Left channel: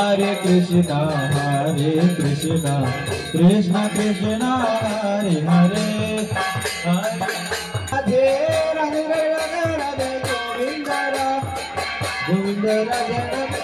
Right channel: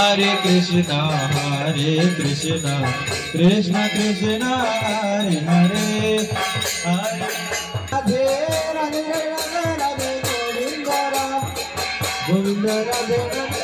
Hare Krishna, Krishna Krishna, Hare Hare, Radhe Radhe Radhe Radhe, Govinda Govinda Radhe Radhe.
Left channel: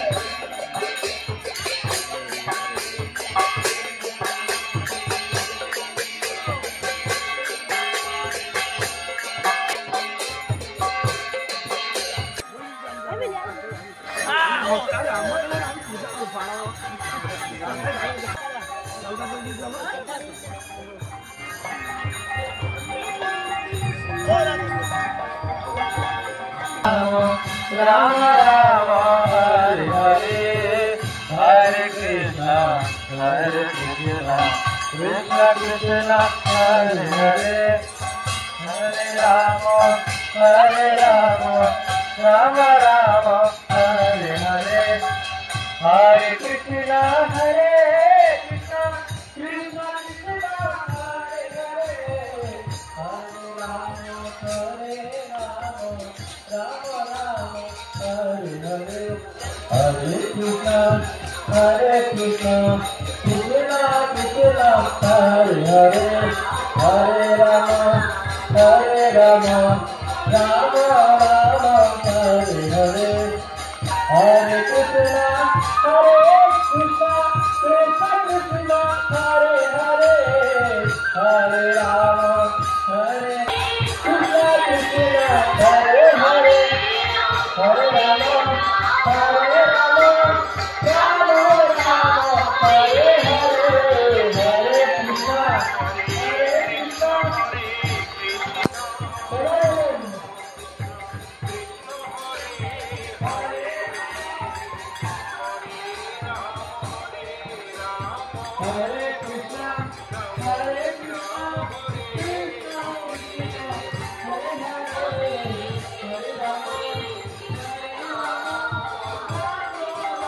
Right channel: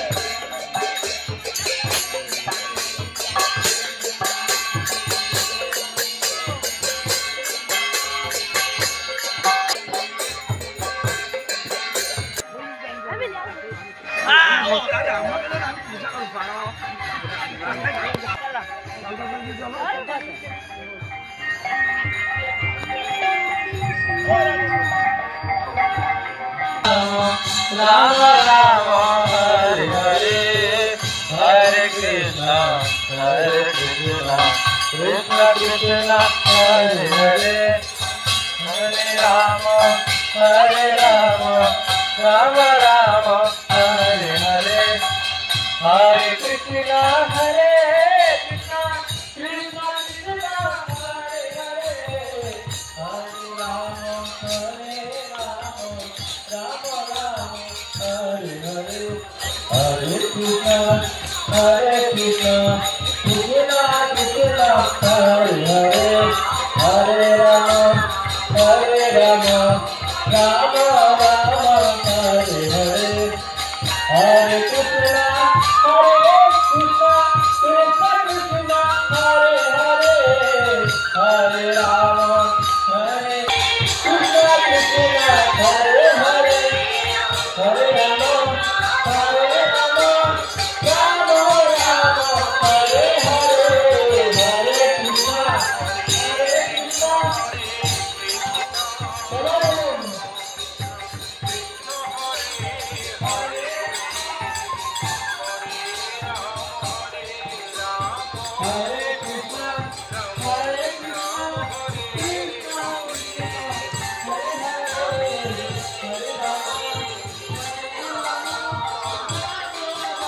Rama Rama Hare Hare, Hare Krishna Krishna Krishna Hare Hare, Hare Rama Rama Rama Hare Hare, Hare Krishna Krishna Krishna Hare Hare, Hare Rama Rama Rama Hare Hare, Hare Krishna Krishna Krishna Hare Hare, Hare Rama Rama Rama Hare Hare, Hare Krishna Krishna Krishna Hare Hare, Hare Rama Krishna Krishna Hare Hare, Hare Rama Rama Rama Hare Hare, Hare Krishna Hare